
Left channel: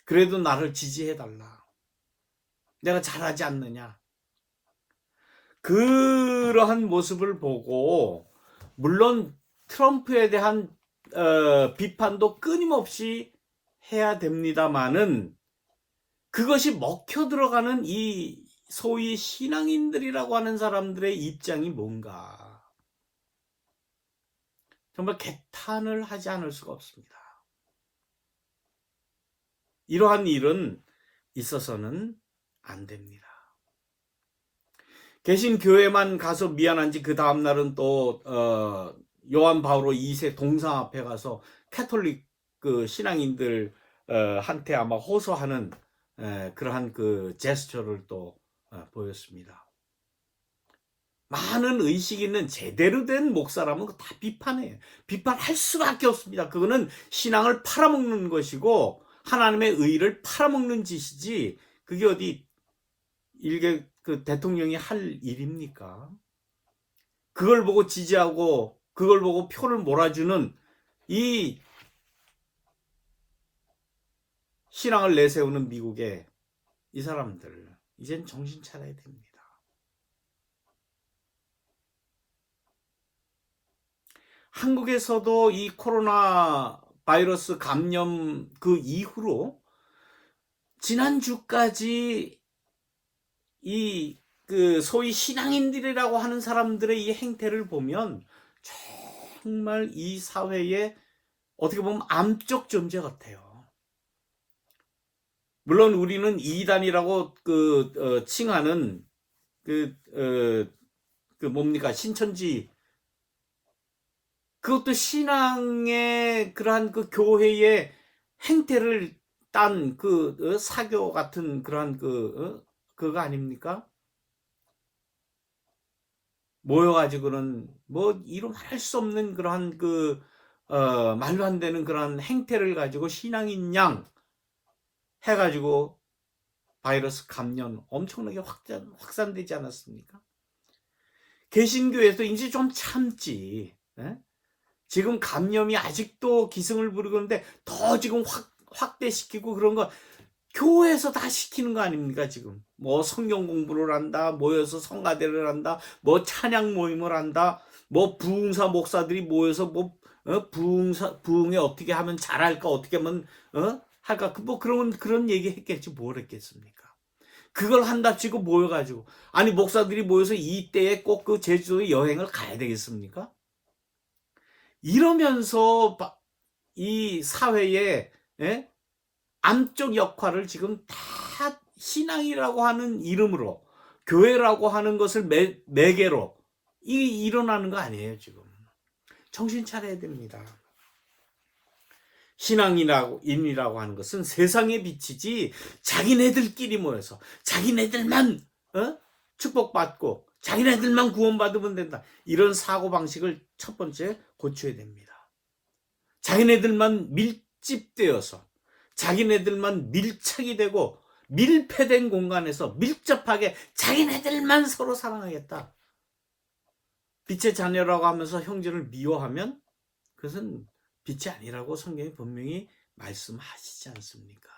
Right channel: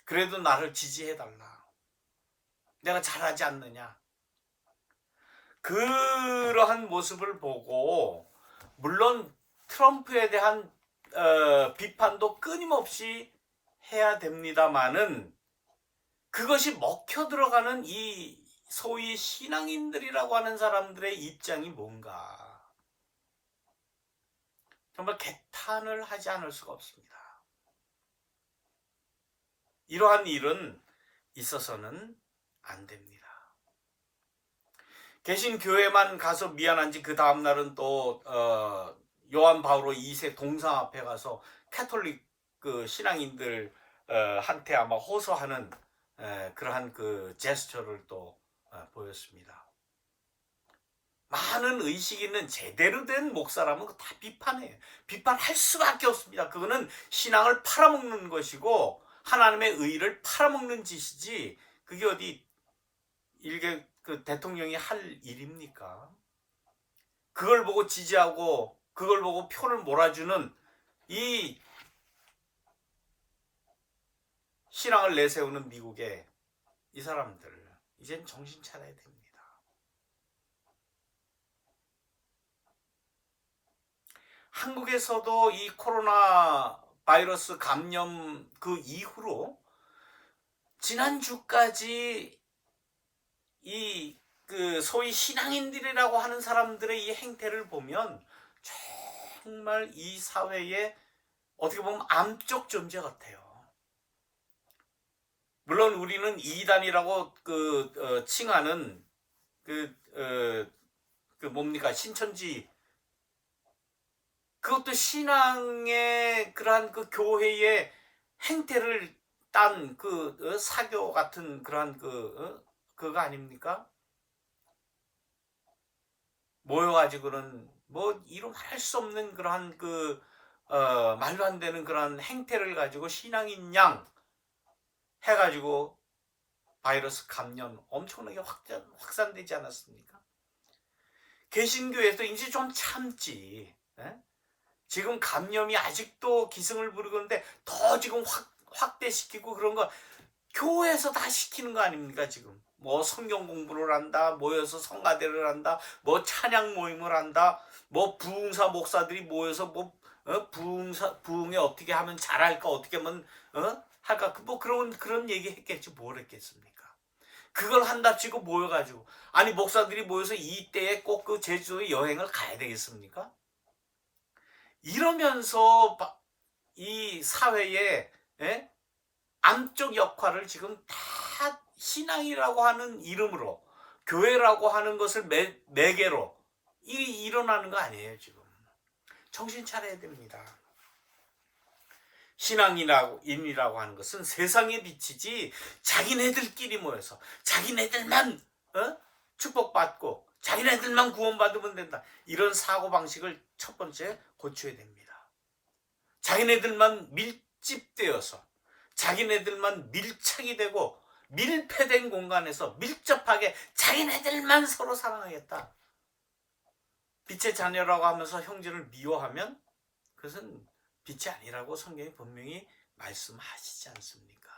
그래도 나를 지지해달라. 내가 잘하지 않느냐. 그러한 모습을 보고, 물론 트럼프에 대한 비판도 끊임없이 해야 됩니다마는, 그것이 먹혀 들어가는 이 소위 신앙인들이라고 하는 사람들의 입장이 뭔가 정말 개탄을 하지 않을 수가 없습니다. 이러한 일은 있어서는 안 됩니다. 개신교회만 가서 미안한지 그 다음날은 또 요한 바오로 2세 동상 앞에 가서 캐톨릭 그 신앙인들 한테 아마 호소하는 그러한 그 제스처를 또 보였습니다. 많은 의식 있는 제대로 된 목사라면 다 비판해요. 비판할 수밖에 없습니다. 그거는 신앙을 팔아먹는 것이고 하나님의 의를 팔아먹는 짓이지, 그게 어디 일개 그 대통령이 할 일입니까? 그걸 보고 지지하고 그걸 보고 표를 몰아주는 이 신앙을 내세우는 미국의 이 사람들, 이젠 정신 차려야 됩니다. 한국에서도 이 코로나 바이러스 감염 그 이후로 지난주까지 이 그 소위 신앙인들이라고 하는 사람들의 이 행태를 보면 정말 이 사회에 어떻게 보면 암적 존재 같아요. 물론 우리는 이단이라고 칭하는 그 뭡니까 신천지, 그것도 신앙의 그러한 그 교회의 행태를 딴 그 사교 같은 그러한 그거 아닙니까? 모여가지고는 뭐 이루 말할 수 없는 그러한 말도 안 되는 그러한 행태를 가지고 신앙인 양 해가지고 바이러스 감염 엄청나게 확산되지 않았습니까? 개신교에서 이제 좀 참지. 지금 감염이 아직도 기승을 부리고 있는데 더 지금 확대시키고 그런 거 교회에서 다 시키는 거 아닙니까? 지금 뭐 성경 공부를 한다, 모여서 성가대를 한다, 뭐 찬양 모임을 한다, 뭐 부흥사 목사들이 모여서 뭐 부흥에 어떻게 하면 잘할까, 어떻게 하면 할까, 뭐 그런 얘기 했겠지. 뭘 했겠습니까? 그걸 한답시고 모여가지고, 아니 목사들이 모여서 이때에 꼭 그 제주도 여행을 가야 되겠습니까? 이러면서 이 사회에 암적 역할을 지금 다 신앙이라고 하는 이름으로, 교회라고 하는 것을 매개로 일어나는 거 아니에요. 지금 정신 차려야 됩니다. 신앙인이라고 하는 것은 세상의 빛이지, 자기네들끼리 모여서 자기네들만 축복받고 자기네들만 구원받으면 된다, 이런 사고방식을 첫 번째 고쳐야 됩니다. 자기네들만 밀집되어서 자기네들만 밀착이 되고 밀폐된 공간에서 밀접하게 자기네들만 서로 사랑하겠다. 빛의 자녀라고 하면서 형제를 미워하면 그것은 빛이 아니라고 성경이 분명히 말씀하시지 않습니까?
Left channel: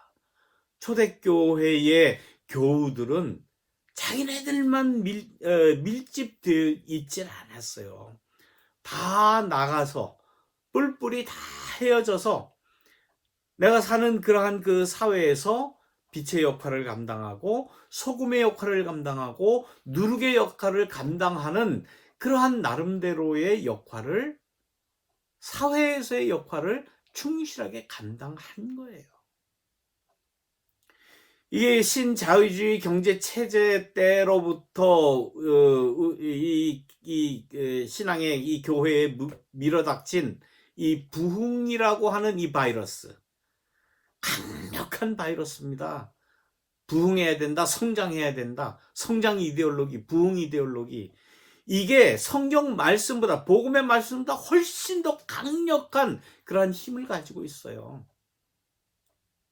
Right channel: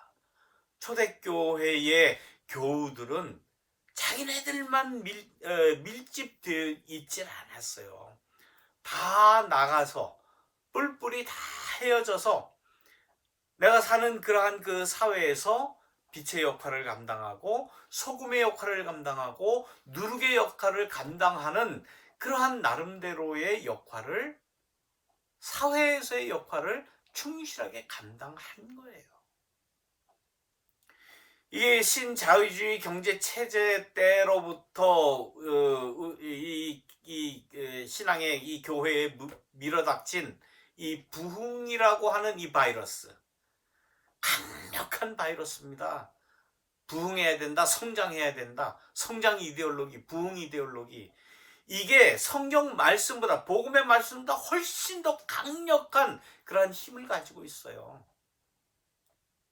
초대교회의 교우들은 자기네들만 밀집되어 있질 않았어요. 다 나가서 뿔뿔이 다 헤어져서 내가 사는 그러한 그 사회에서 빛의 역할을 감당하고 소금의 역할을 감당하고 누룩의 역할을 감당하는 그러한 나름대로의 역할을, 사회에서의 역할을 충실하게 감당한 거예요. 이게 신자유주의 경제 체제 때로부터 신앙의 이 교회에 밀어닥친 이 부흥이라고 하는 이 바이러스, 강력한 바이러스입니다. 부흥해야 된다, 성장해야 된다, 성장 이데올로기, 부흥 이데올로기, 이게 성경 말씀보다, 복음의 말씀보다 훨씬 더 강력한 그러한 힘을 가지고 있어요.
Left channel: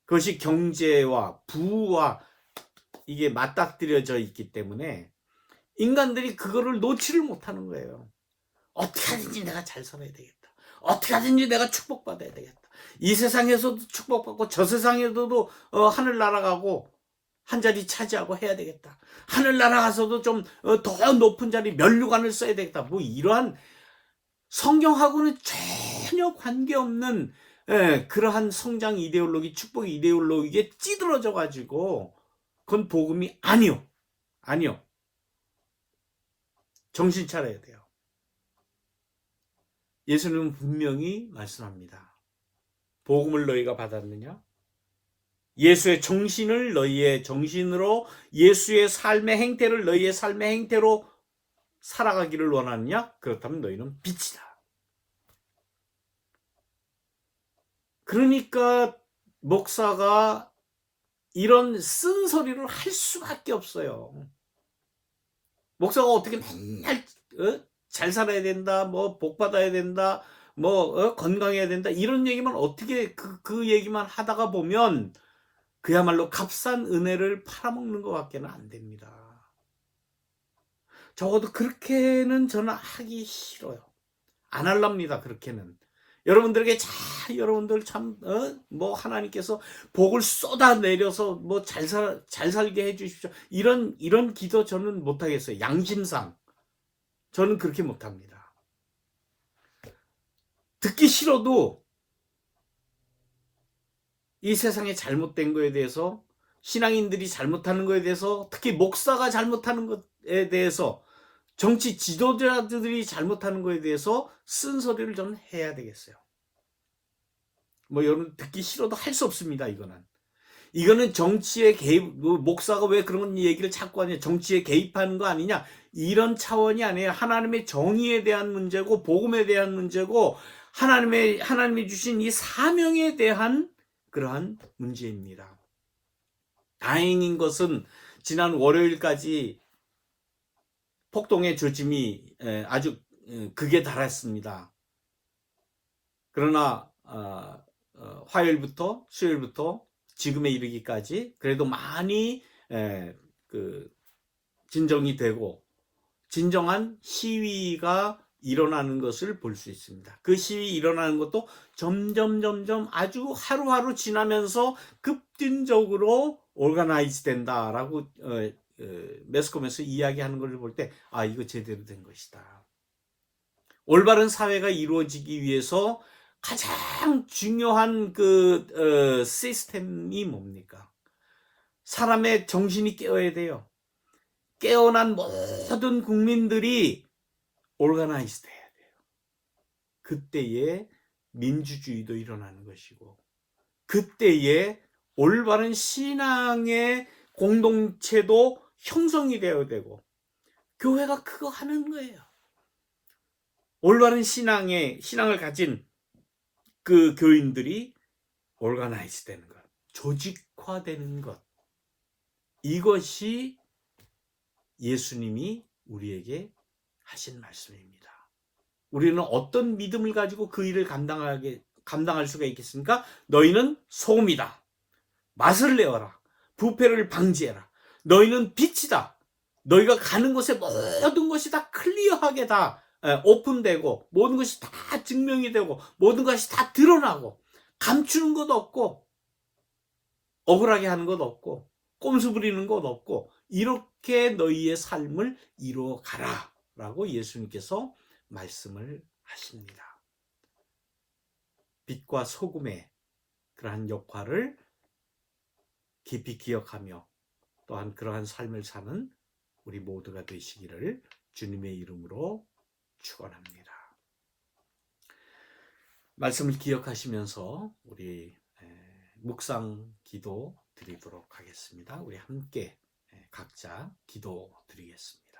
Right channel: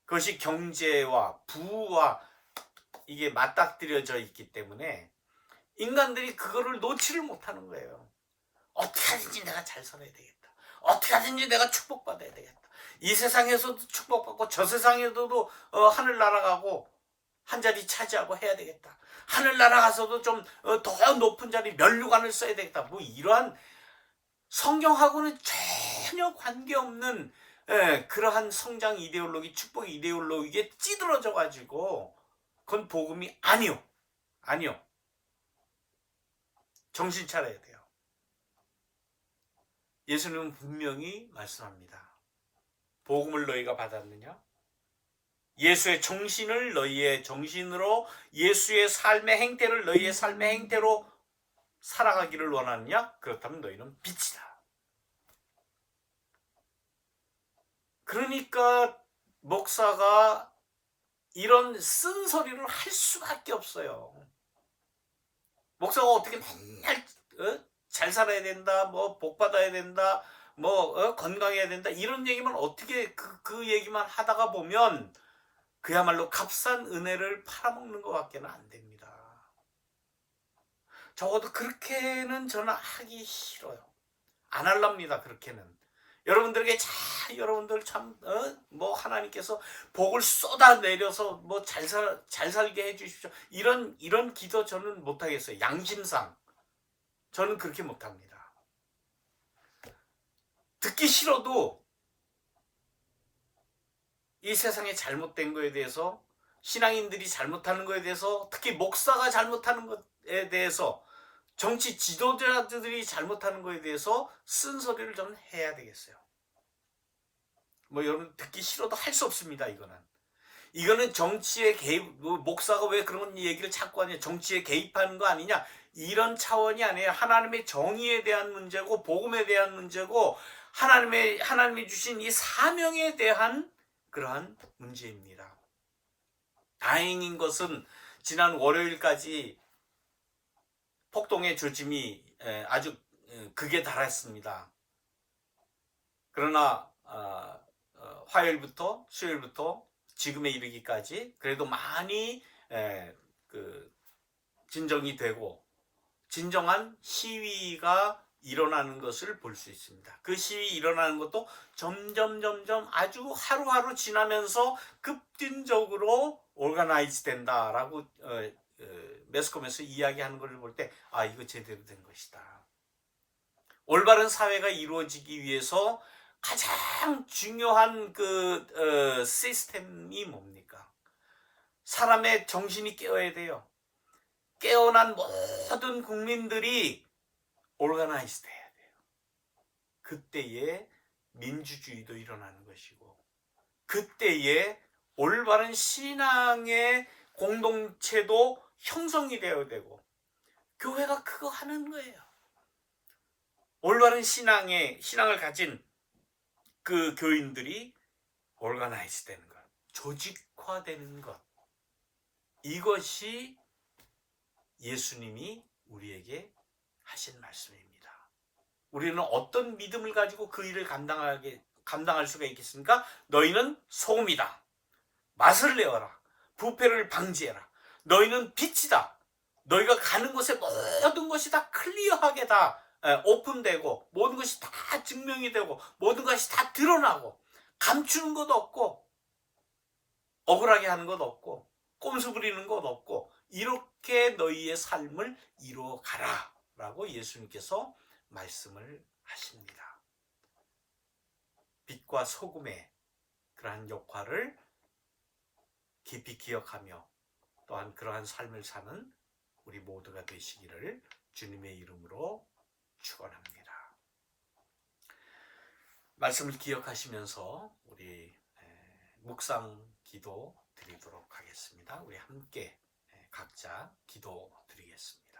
그것이 경제와 부와 이게 맞닥뜨려져 있기 때문에 인간들이 그거를 놓지를 못하는 거예요. 어떻게 하든지 내가 잘 살아야 되겠다. 어떻게 하든지 내가 축복받아야 되겠다. 이 세상에서도 축복받고 저 세상에서도 하늘 날아가고 한 자리 차지하고 해야 되겠다. 하늘 날아가서도 좀 더 높은 자리 면류관을 써야 되겠다. 뭐 이러한 성경하고는 전혀 관계없는 그러한 성장 이데올로기, 축복 이데올로기에 찌들어져 가지고 그건 복음이 아니요. 정신 차려야 돼요. 예수님은 분명히 말씀합니다. 복음을 너희가 받았느냐? 예수의 정신을 너희의 정신으로, 예수의 삶의 행태를 너희의 삶의 행태로 살아가기를 원하느냐? 그렇다면 너희는 빛이다. 그러니까 목사가 이런 쓴소리를 할 수밖에 없어요. 목사가 어떻게 맨날 잘 살아야 된다, 뭐 복 받아야 된다, 뭐 건강해야 된다, 이런 얘기만 어떻게 그 얘기만 하다가 보면 그야말로 값싼 은혜를 팔아먹는 것밖에는 안 됩니다. 적어도 그렇게는 저는 하기 싫어요. 안 할랍니다. 그렇게는. 여러분들에게 여러분들 참 뭐 하나님께서 복을 쏟아 내려서 뭐 잘 살게 해 주십시오. 이런 기도 저는 못 하겠어요. 양심상 저는 그렇게 못 합니다. 듣기 싫어도 이 세상에 잘못된 거에 대해서, 신앙인들이 잘못하는 거에 대해서, 특히 목사가 잘못하는 것에 대해서, 정치 지도자들이 잘못하는 거에 대해서 쓴소리를 저는 해야 되겠어요. 뭐 여러분 듣기 싫어도 할 수 없습니다. 이거는 정치에 개입, 목사가 왜 그런 얘기를 자꾸 하냐, 정치에 개입하는 거 아니냐, 이런 차원이 아니에요. 하나님의 정의에 대한 문제고, 복음에 대한 문제고, 하나님이 주신 이 사명에 대한 그러한 문제입니다. 다행인 것은 지난 월요일까지 폭동의 조짐이 아주 극에 달했습니다. 그러나 화요일부터 수요일부터 지금에 이르기까지 그래도 많이 진정이 되고 진정한 시위가 일어나는 것을 볼 수 있습니다. 그 시위 일어나는 것도 점점 아주 하루하루 지나면서 급진적으로 오르가나이즈 된다라고 매스컴에서 이야기하는 것을 볼 때 이거 제대로 된 것이다. 올바른 사회가 이루어지기 위해서 가장 중요한 시스템이 뭡니까? 사람의 정신이 깨어야 돼요. 깨어난 모든 국민들이 오르가나이즈드 해야 돼요. 그때에 민주주의도 일어나는 것이고, 그때에 올바른 신앙의 공동체도 형성이 되어야 되고, 교회가 그거 하는 거예요. 올바른 신앙을 가진 그 교인들이 오르가나이즈 되는 것, 조직화되는 것, 이것이 예수님이 우리에게 하신 말씀입니다. 우리는 어떤 믿음을 가지고 그 일을 감당할 수가 있겠습니까? 너희는 소금이다. 맛을 내어라. 부패를 방지해라. 너희는 빛이다. 너희가 가는 곳에 모든 것이 다 클리어하게 다 오픈되고 모든 것이 다 증명이 되고 모든 것이 다 드러나고 감추는 것 없고 억울하게 하는 것 없고 꼼수 부리는 것 없고 이렇게 너희의 삶을 이루어가라 라고 예수님께서 말씀을 하십니다. 빛과 소금의 그러한 역할을 깊이 기억하며 또한 그러한 삶을 사는 우리 모두가 되시기를 주님의 이름으로 축원합니다. 말씀을 기억하시면서 우리 묵상 기도 드리도록 하겠습니다. 우리 함께 각자 기도 드리겠습니다.